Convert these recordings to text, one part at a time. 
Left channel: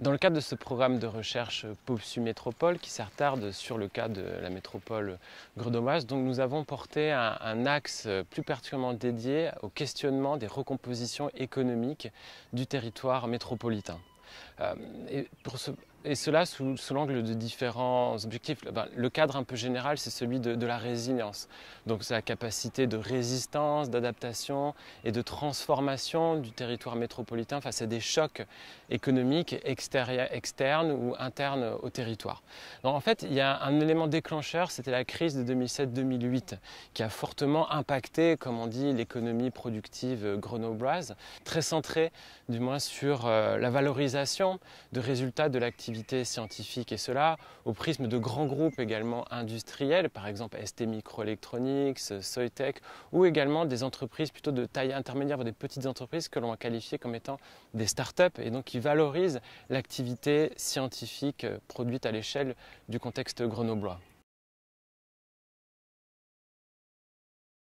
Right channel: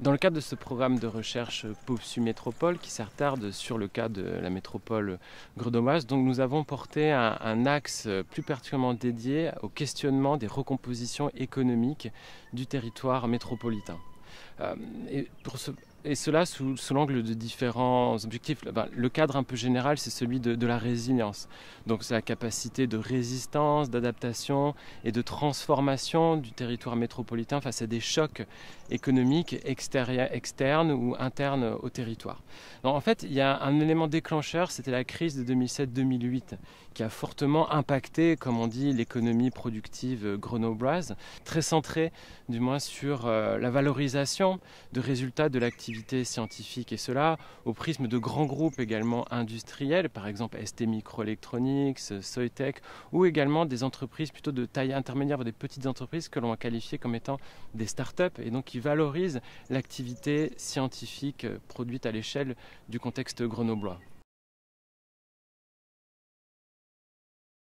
Dans le cadre de ce programme de recherche POPSU Métropole qui s'attarde sur le cas de la métropole grenobloise, donc nous avons porté un axe plus particulièrement dédié au questionnement des recompositions économiques du territoire métropolitain. Et cela sous l'angle de différents objectifs. Le cadre un peu général, c'est celui de la résilience. Donc sa capacité de résistance, d'adaptation et de transformation du territoire métropolitain face à des chocs économiques externes ou internes au territoire. Alors, en fait, il y a un élément déclencheur, c'était la crise de 2007-2008 qui a fortement impacté, comme on dit, l'économie productive grenobloise, très centrée du moins sur la valorisation de résultats de l'activité scientifique, et cela au prisme de grands groupes également industriels, par exemple ST Microelectronics, Soitec, ou également des entreprises plutôt de taille intermédiaire, des petites entreprises que l'on va qualifier comme étant des start-up, et donc qui valorisent l'activité scientifique produite à l'échelle du contexte grenoblois.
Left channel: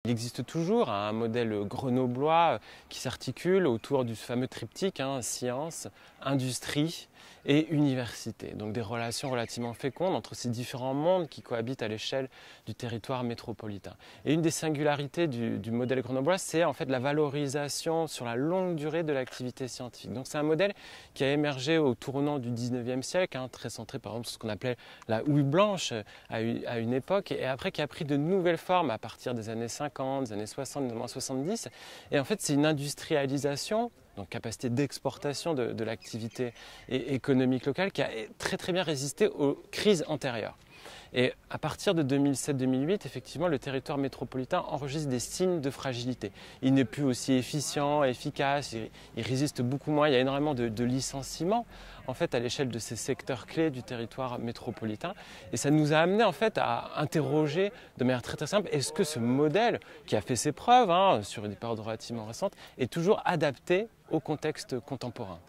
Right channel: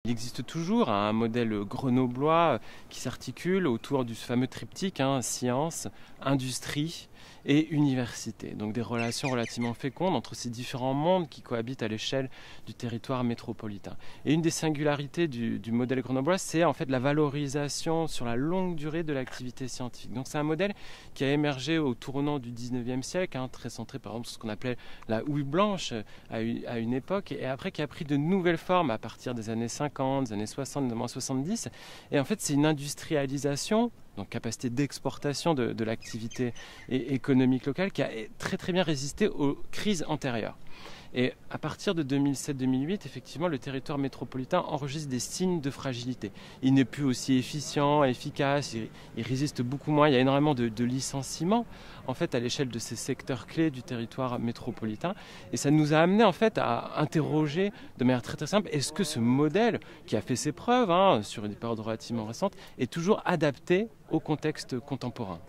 Il existe toujours un modèle grenoblois qui s'articule autour du fameux triptyque science, industrie et université. Donc des relations relativement fécondes entre ces différents mondes qui cohabitent à l'échelle du territoire métropolitain. Et une des singularités du modèle grenoblois, c'est en fait la valorisation sur la longue durée de l'activité scientifique. Donc c'est un modèle qui a émergé au tournant du 19e siècle, très centré par exemple sur ce qu'on appelait la houille blanche à une époque, et après qui a pris de nouvelles formes à partir des années 50, des années 60, des années 70. Et en fait c'est une industrialisation, donc capacité d'exportation de l'activité économique locale, qui a très bien résisté aux crises antérieures. Et à partir de 2007-2008, effectivement, le territoire métropolitain enregistre des signes de fragilité. Il n'est plus aussi efficient, efficace, il résiste beaucoup moins, il y a énormément de licenciements en fait à l'échelle de ces secteurs clés du territoire métropolitain, et ça nous a amené en fait à interroger de manière très simple, est-ce que ce modèle qui a fait ses preuves sur une période relativement récente est toujours adapté au contexte contemporain?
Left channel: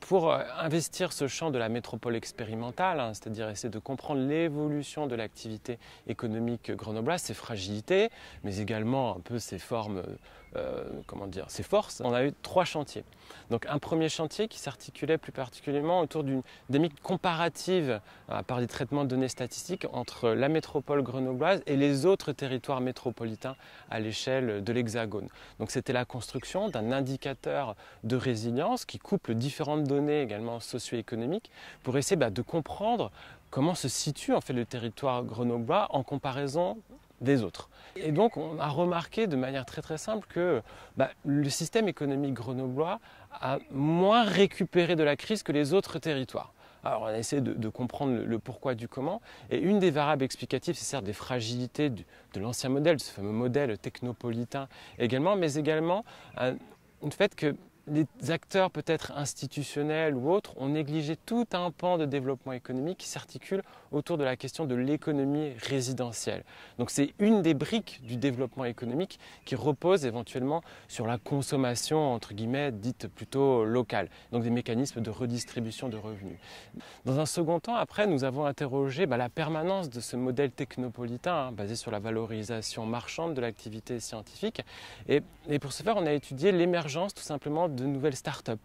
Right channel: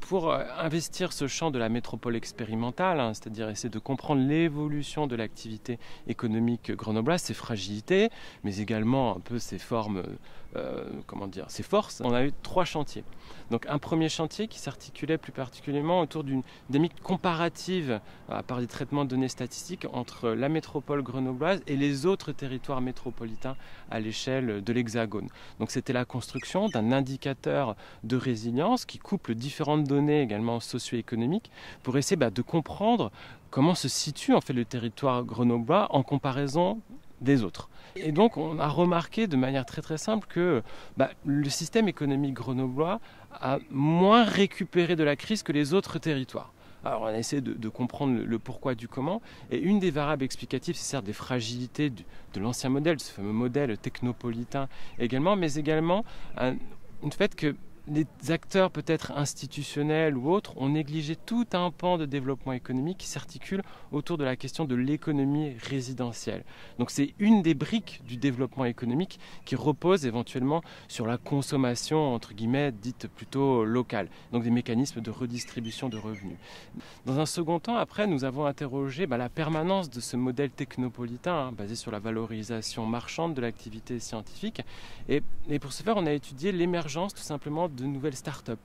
Pour investir ce champ de la métropole expérimentale, c'est-à-dire essayer de comprendre l'évolution de l'activité économique grenobloise, ses fragilités, mais également un peu ses formes, ses forces, on a eu 3 chantiers. Donc un premier chantier qui s'articulait plus particulièrement autour d'une dynamique comparative par des traitements de données statistiques entre la métropole grenobloise et les autres territoires métropolitains à l'échelle de l'Hexagone. Donc c'était la construction d'un indicateur de résilience qui couple différentes données également socio-économiques pour essayer de comprendre comment se situe en fait le territoire grenoblois en comparaison des autres. Et donc on a remarqué de manière très simple que le système économique grenoblois a moins récupéré de la crise que les autres territoires. Alors on a essayé de comprendre le pourquoi du comment, et une des variables explicatives, c'est certes des fragilités de l'ancien modèle, ce fameux modèle technopolitain également, mais également le fait que les acteurs peut-être institutionnels ou autres ont négligé tout un pan de développement économique qui s'articule autour de la question de l'économie résidentielle. Donc c'est une des briques du développement économique qui repose éventuellement sur la consommation entre guillemets dite plutôt locale, donc des mécanismes de redistribution de revenus. Dans un second temps, après, nous avons interrogé la permanence de ce modèle technopolitain basé sur la valorisation marchande de l'activité scientifique, et pour ce faire on a étudié l'émergence tout simplement de nouvelles start-up,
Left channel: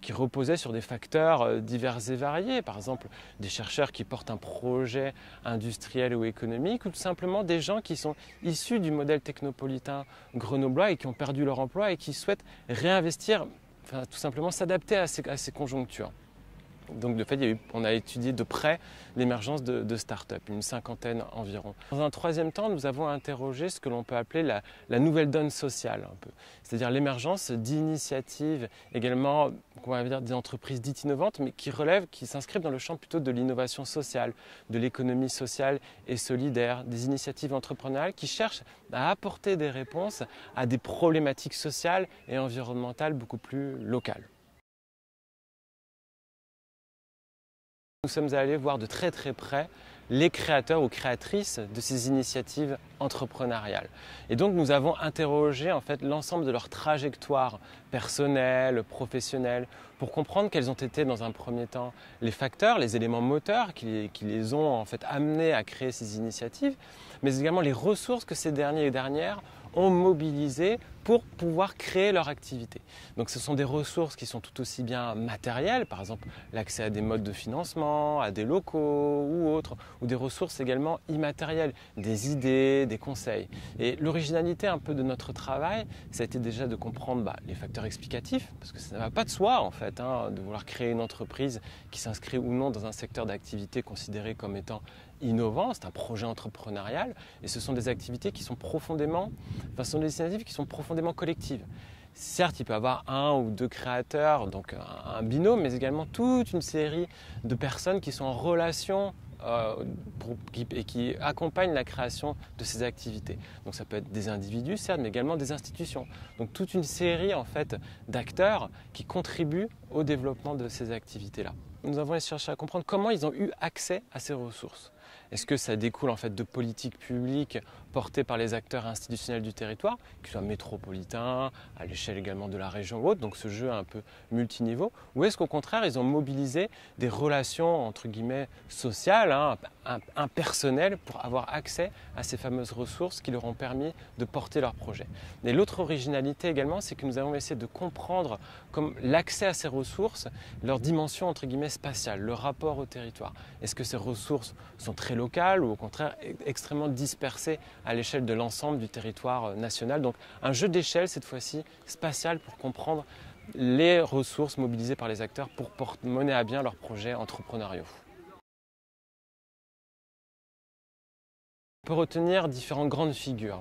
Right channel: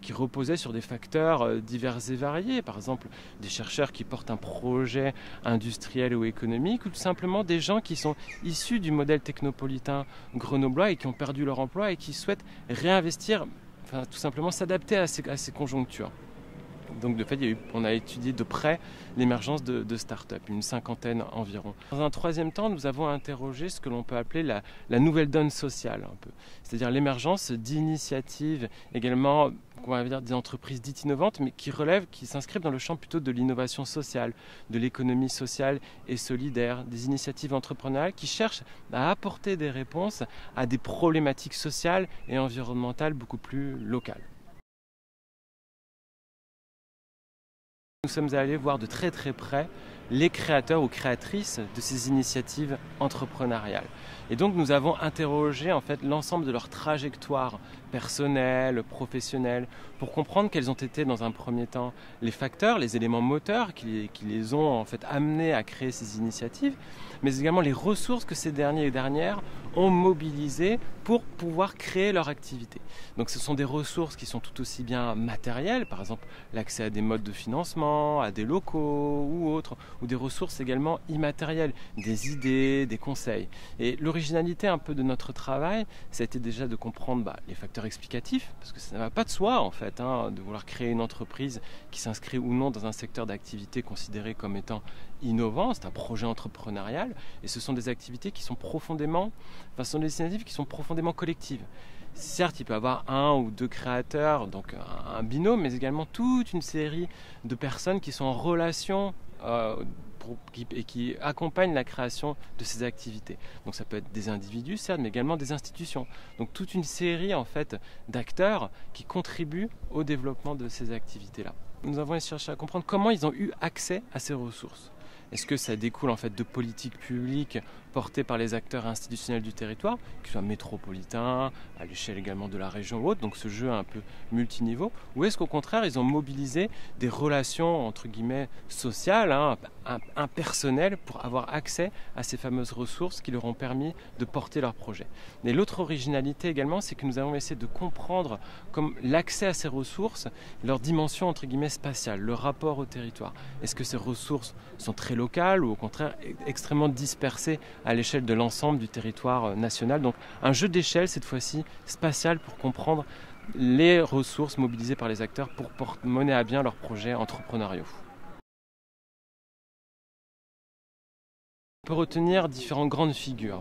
qui reposaient sur des facteurs divers et variés, par exemple des chercheurs qui portent un projet industriel ou économique, ou tout simplement des gens qui sont issus du modèle technopolitain grenoblois et qui ont perdu leur emploi et qui souhaitent réinvestir, tout simplement s'adapter à ces conjonctures. Donc de fait, on a étudié de près l'émergence de start-up, une 50aine environ. Dans un troisième temps, nous avons interrogé ce que l'on peut appeler la nouvelle donne sociale, c'est-à-dire l'émergence d'initiatives également, on va dire des entreprises dites innovantes, mais qui s'inscrivent dans le champ plutôt de l'innovation sociale, de l'économie sociale et solidaire, des initiatives entrepreneuriales qui cherchent à apporter des réponses à des problématiques sociales et environnementales beaucoup plus locales. Nous sommes allés voir de très près les créateurs ou créatrices de ces initiatives entrepreneuriales. Et donc nous avons interrogé en fait l'ensemble de leur trajectoire personnelle, professionnelle, pour comprendre quels ont été dans un premier temps les facteurs, les éléments moteurs qui les ont en fait amenés à créer ces initiatives, mais également les ressources que ces derniers et dernières ont mobilisées pour pouvoir créer leur activité. Donc ce sont des ressources qui sont tout aussi bien matérielles, par exemple l'accès à des modes de financement, à des locaux ou autres, ou des ressources également immatérielles, des idées, des conseils. Et l'originalité un peu de notre travail, ça a été déjà de comprendre les facteurs explicatifs, parce que ça ne va pas de soi en fait, de vouloir créer une entreprise qui s'inscrit ou non dans un secteur d'activité considéré comme étant innovant, c'est un projet entrepreneurial, et ce sont des activités qui sont profondément, ce sont des initiatives qui sont profondément collectives. Certes, il peut y avoir un ou deux créateurs, donc un binôme, mais également toute une série de personnes qui sont en relation et qui accompagnent la création de ces activités. Donc ça peut être des individus, certes, mais également des institutions. Donc toute une série en fait d'acteurs qui contribuent au développement de ces activités-là. Nous avons cherché à comprendre comment ils ont eu accès à ces ressources. Est-ce que ça découle en fait de politiques publiques portées par les acteurs institutionnels du territoire, qu'ils soient métropolitains, à l'échelle également de la région ou autre, donc ce jeu un peu multiniveau, ou est-ce qu'au contraire ils ont mobilisé des relations entre guillemets sociales, impersonnelles, pour avoir accès à ces fameuses ressources qui leur ont permis de porter leur projet. Et l'autre originalité également, c'est que nous avons essayé de comprendre comme l'accès à ces ressources, leur dimension entre guillemets spatiale, le rapport au territoire. Est-ce que ces ressources sont très locales ou au contraire extrêmement dispersées à l'échelle de l'ensemble du territoire national? Donc un jeu d'échelle cette fois-ci spatial pour comprendre les ressources mobilisées par les acteurs pour mener à bien leurs projets entrepreneuriaux. On peut retenir différentes grandes figures.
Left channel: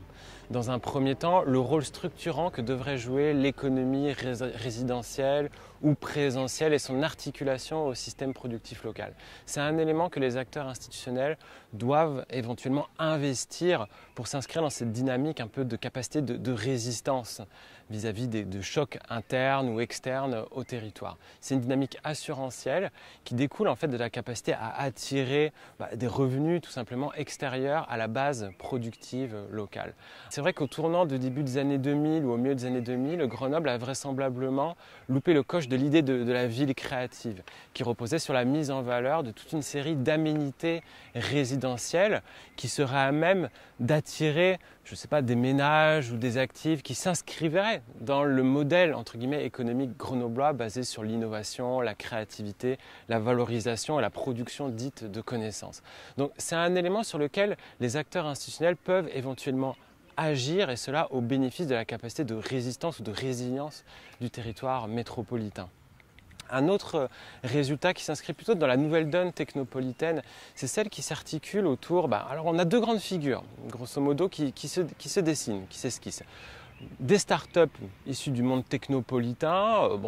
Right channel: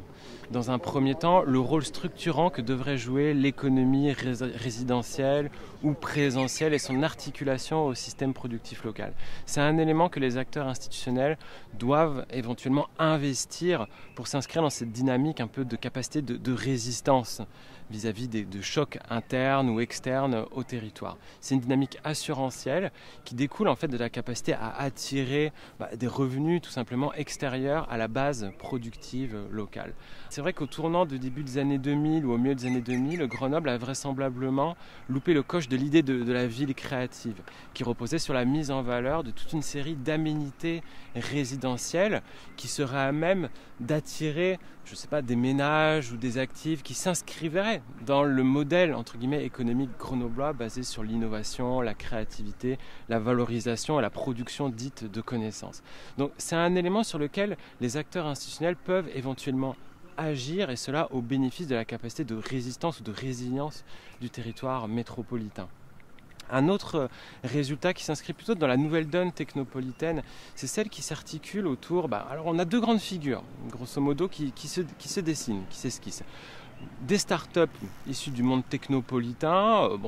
Dans un premier temps, le rôle structurant que devrait jouer l'économie résidentielle ou présentielle et son articulation au système productif local. C'est un élément que les acteurs institutionnels doivent éventuellement investir pour s'inscrire dans cette dynamique un peu de capacité de résistance vis-à-vis de chocs internes ou externes au territoire. C'est une dynamique assurantielle qui découle en fait de la capacité à attirer des revenus tout simplement extérieurs à la base productive locale. C'est vrai qu'au tournant de début des années 2000 ou au milieu des années 2000, Grenoble a vraisemblablement loupé le coche de l'idée de la ville créative, qui reposait sur la mise en valeur de toute une série d'aménités résidentielles qui seraient à même d'attirer, je ne sais pas, des ménages ou des actifs qui s'inscriveraient dans le modèle entre guillemets économique grenoblois basé sur l'innovation, la créativité, la valorisation et la production dite de connaissances. Donc c'est un élément sur lequel les acteurs institutionnels peuvent éventuellement agir, et cela au bénéfice de la capacité de résistance ou de résilience du territoire métropolitain. Un autre résultat qui s'inscrit plutôt dans la nouvelle donne technopolitaine, c'est celle qui s'articule autour, alors on a deux grandes figures, grosso modo, qui se dessinent, qui s'esquissent. Des startups issues du monde technopolitain,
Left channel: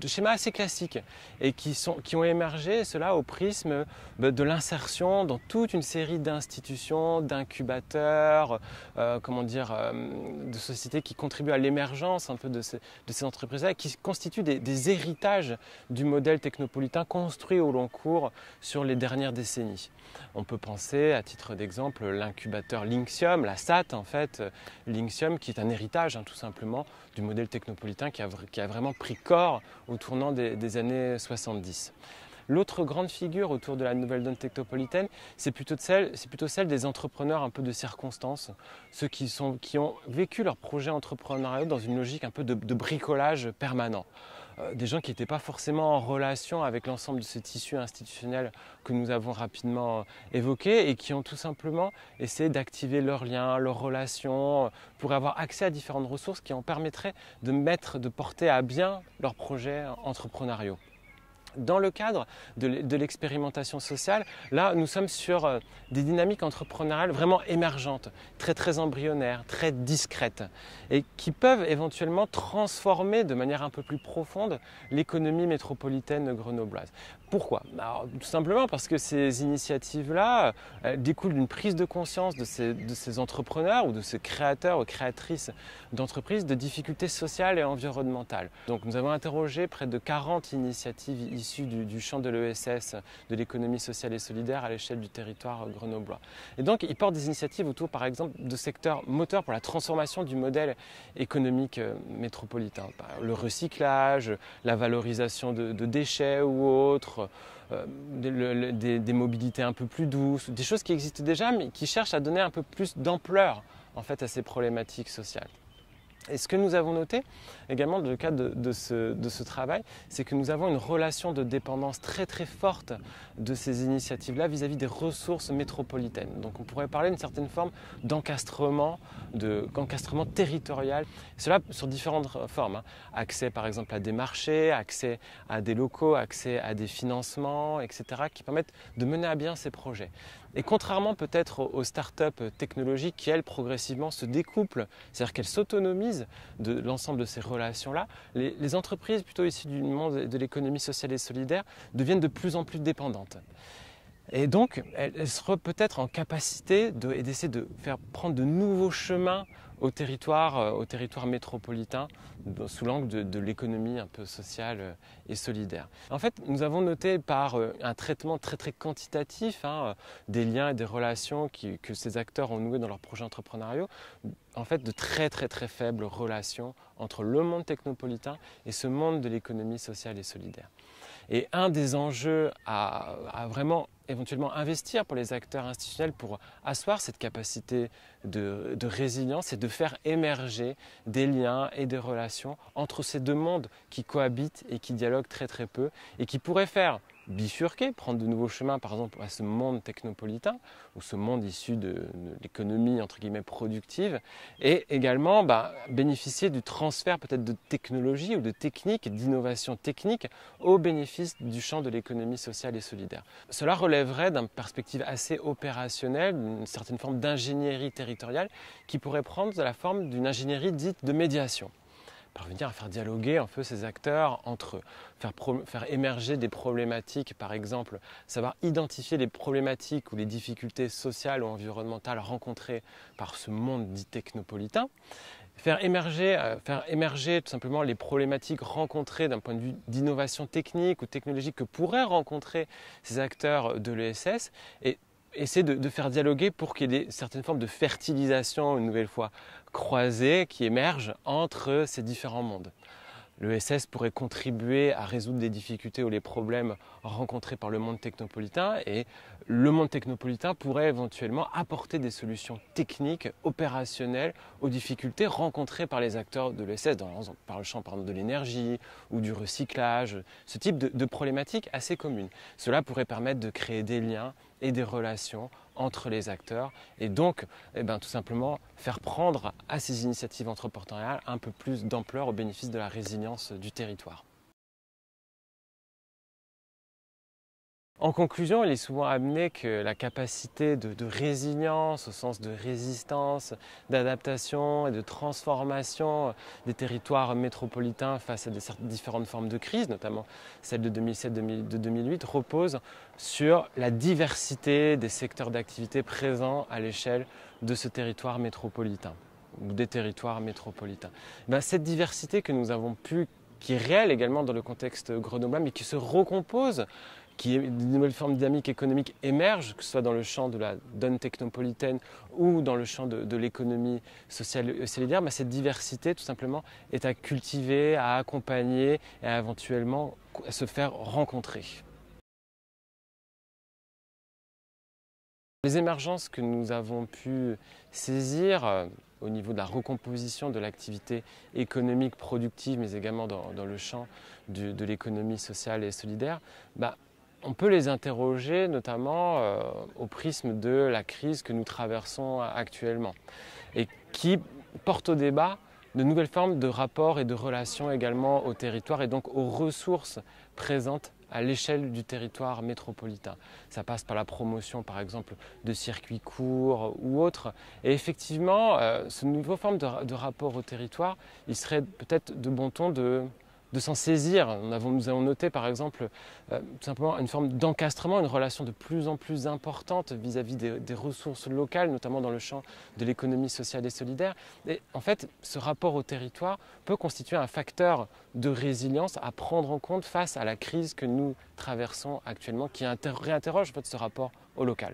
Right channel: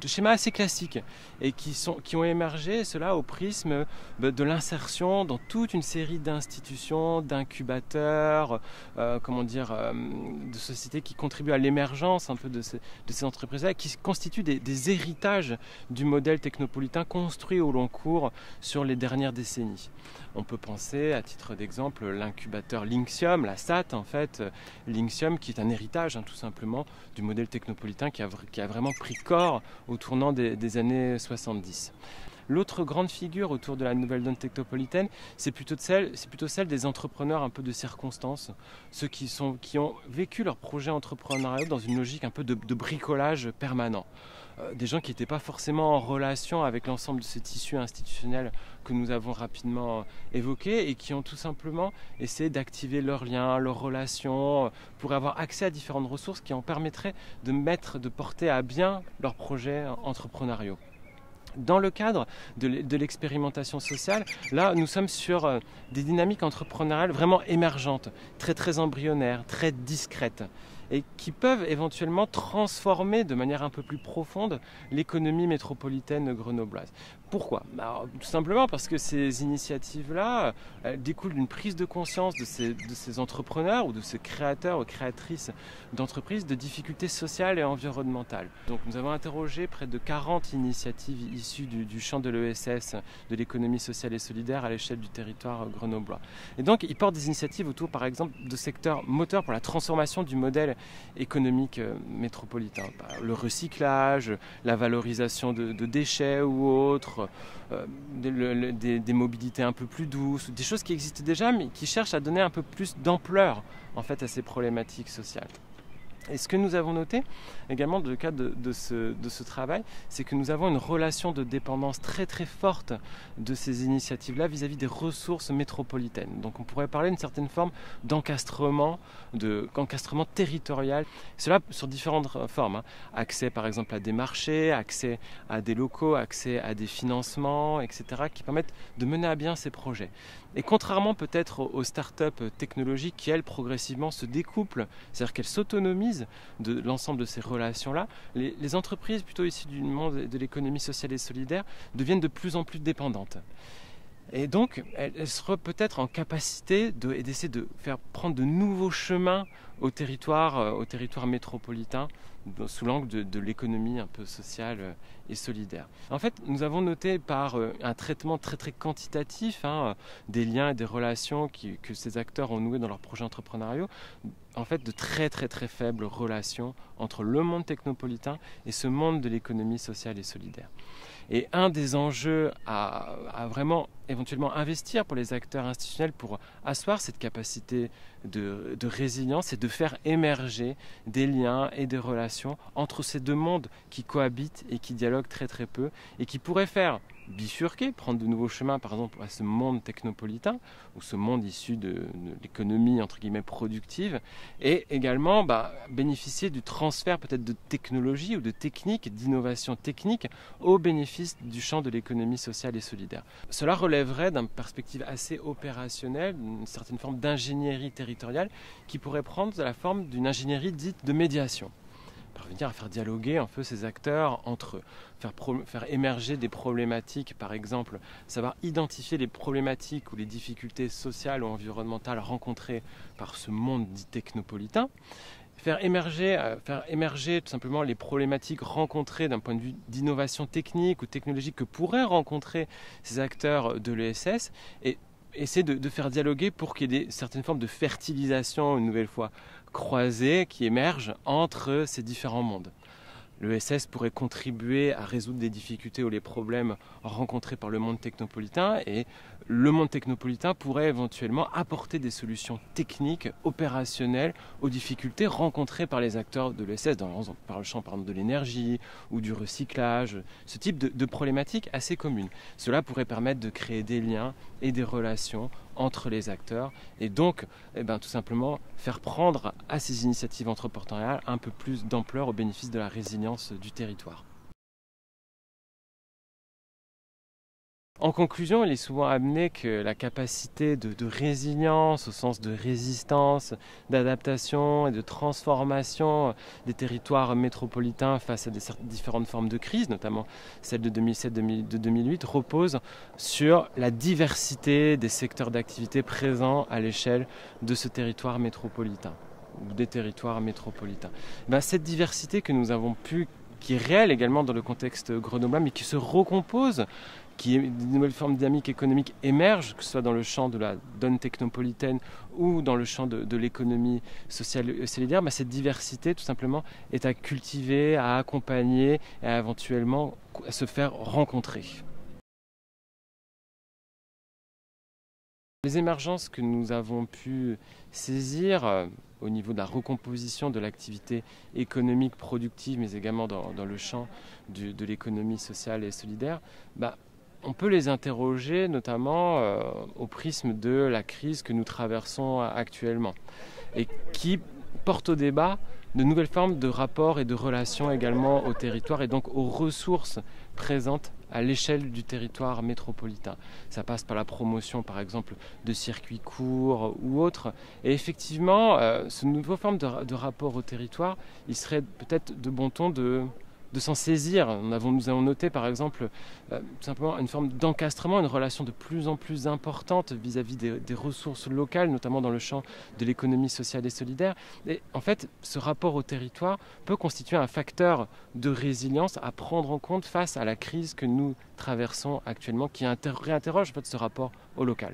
de schémas assez classiques, et qui ont émergé, cela au prisme de l'insertion dans toute une série d'institutions, d'incubateurs, de sociétés qui contribuent à l'émergence un peu de ces entreprises-là, qui constituent des héritages du modèle technopolitain construit au long cours sur les dernières décennies. On peut penser, à titre d'exemple, l'incubateur Linxium, la SAT en fait, Linxium qui est un héritage tout simplement du modèle technopolitain qui a vraiment pris corps au tournant des années 70. L'autre grande figure autour de la nouvelle donne technopolitaine, c'est plutôt celle des entrepreneurs un peu de circonstance, ceux qui ont vécu leur projet entrepreneurial dans une logique un peu de bricolage permanent. Des gens qui n'étaient pas forcément en relation avec l'ensemble de ce tissu institutionnel que nous avons rapidement évoqué et qui ont tout simplement essayé d'activer leurs liens, leurs relations pour avoir accès à différentes ressources qui en permettraient de porter à bien leurs projets entrepreneuriaux. Dans le cadre de l'expérimentation sociale, là, nous sommes sur des dynamiques entrepreneuriales vraiment émergentes, très embryonnaires, très discrètes, et qui peuvent éventuellement transformer de manière un peu plus profonde l'économie métropolitaine grenobloise. Pourquoi? Alors, tout simplement parce que ces initiatives-là découlent d'une prise de conscience de ces entrepreneurs ou de ces créateurs ou créatrices d'entreprises de difficultés sociales et environnementales. Donc nous avons interrogé près de 40 initiatives issues du champ de l'ESS, de l'économie sociale et solidaire à l'échelle du territoire grenoblois. Et donc ils portent des initiatives autour par exemple de secteurs moteurs pour la transformation du modèle économique métropolitain. Le recyclage, la valorisation de déchets ou autres, des mobilités un peu plus douces, des choses qui existent déjà mais qui cherchent à donner un peu plus d'ampleur en fait, à ces problématiques sociales. Et ce que nous avons noté également dans le cadre de ce travail, c'est que nous avons une relation de dépendance très très forte de ces initiatives-là vis-à-vis des ressources métropolitaines. Donc on pourrait parler d'une certaine forme d'encastrement territorial. Cela sur différentes formes. Accès par exemple à des marchés, accès à des locaux, accès à des financements, etc. qui permettent de mener à bien ces projets. Et contrairement peut-être aux startups technologiques qui, elles, progressivement se découplent, c'est-à-dire qu'elles s'autonomisent de l'ensemble de ces relations-là, les entreprises plutôt issues du monde de l'économie sociale et solidaire deviennent de plus en plus dépendantes. Et donc, elles seront peut-être en capacité d'essayer de faire prendre de nouveaux chemins au territoire métropolitain sous l'angle de l'économie un peu sociale et solidaire. En fait, nous avons noté par un traitement très très quantitatif des liens et des relations que ces acteurs ont noués dans leurs projets entrepreneuriaux, en fait de très très très faibles relations entre le monde technopolitain et ce monde de l'économie sociale et solidaire. Et un des enjeux à vraiment éventuellement investir pour les acteurs institutionnels pour asseoir cette capacité de résilience, c'est de faire émerger des liens et des relations entre ces deux mondes qui cohabitent et qui dialoguent très très peu et qui pourraient faire bifurquer, prendre de nouveaux chemins par exemple à ce monde technopolitain ou ce monde issu de l'économie entre guillemets productive et également bénéficier du transfert peut-être de technologie ou de techniques, d'innovation technique au bénéfice du champ de l'économie sociale et solidaire. Cela relèverait d'une perspective assez opérationnelle, d'une certaine forme d'ingénierie territoriale qui pourrait prendre la forme d'une ingénierie dite de médiation. Parvenir à faire dialoguer un peu ces acteurs entre eux, faire émerger des problématiques, par exemple, savoir identifier les problématiques ou les difficultés sociales ou environnementales rencontrées par ce monde dit technopolitain, faire émerger tout simplement les problématiques rencontrées d'un point de vue d'innovation technique ou technologique que pourraient rencontrer ces acteurs de l'ESS et essayer de faire dialoguer pour qu'il y ait certaines formes de fertilisation, une nouvelle fois, croisées qui émergent entre ces différents mondes. L'ESS pourrait contribuer à résoudre des difficultés ou les problèmes rencontrés par le monde technopolitain et le monde technopolitain pourrait éventuellement apporter des solutions techniques, opérationnelles aux difficultés rencontrées par les acteurs de l'ESS, par le champ de l'énergie ou du recyclage, ce type de problématiques assez communes. Cela pourrait permettre de créer des liens et des relations entre les acteurs et donc tout simplement faire prendre à ces initiatives entrepreneuriales un peu plus d'ampleur au bénéfice de la résilience du territoire. En conclusion, il est souvent amené que la capacité de résilience, au sens de résistance, d'adaptation et de transformation des territoires métropolitains face à différentes formes de crise, notamment celle de 2007, de 2008, repose sur la diversité des secteurs d'activité présents à l'échelle de ce territoire métropolitain, ou des territoires métropolitains. Cette diversité que nous avons qui est réelle également dans le contexte grenoblois, mais qui se recompose, qui est une nouvelle forme dynamique économique émerge, que ce soit dans le champ de la donne technopolitaine ou dans le champ de l'économie sociale et solidaire, cette diversité tout simplement est à cultiver, à accompagner et à éventuellement à se faire rencontrer. Les émergences que nous avons pu saisir au niveau de la recomposition de l'activité économique productive, mais également dans le champ de l'économie sociale et solidaire, on peut les interroger notamment au prisme de la crise que nous traversons actuellement et qui porte au débat de nouvelles formes de rapports et de relations également au territoire et donc aux ressources présentes à l'échelle du territoire métropolitain. Ça passe par la promotion par exemple de circuits courts ou autres. Et effectivement, ce nouveau forme de rapport au territoire, il serait peut-être de bon ton de s'en saisir. Nous avons noté par exemple simplement une forme d'encastrement, une relation de plus en plus importante vis-à-vis des ressources locales, notamment dans le champ de l'économie sociale et solidaire. Et en fait, ce rapport au territoire peut constituer un facteur de résilience à prendre en compte face à la crise que nous traversons actuellement, qui réinterroge en fait, ce rapport au local.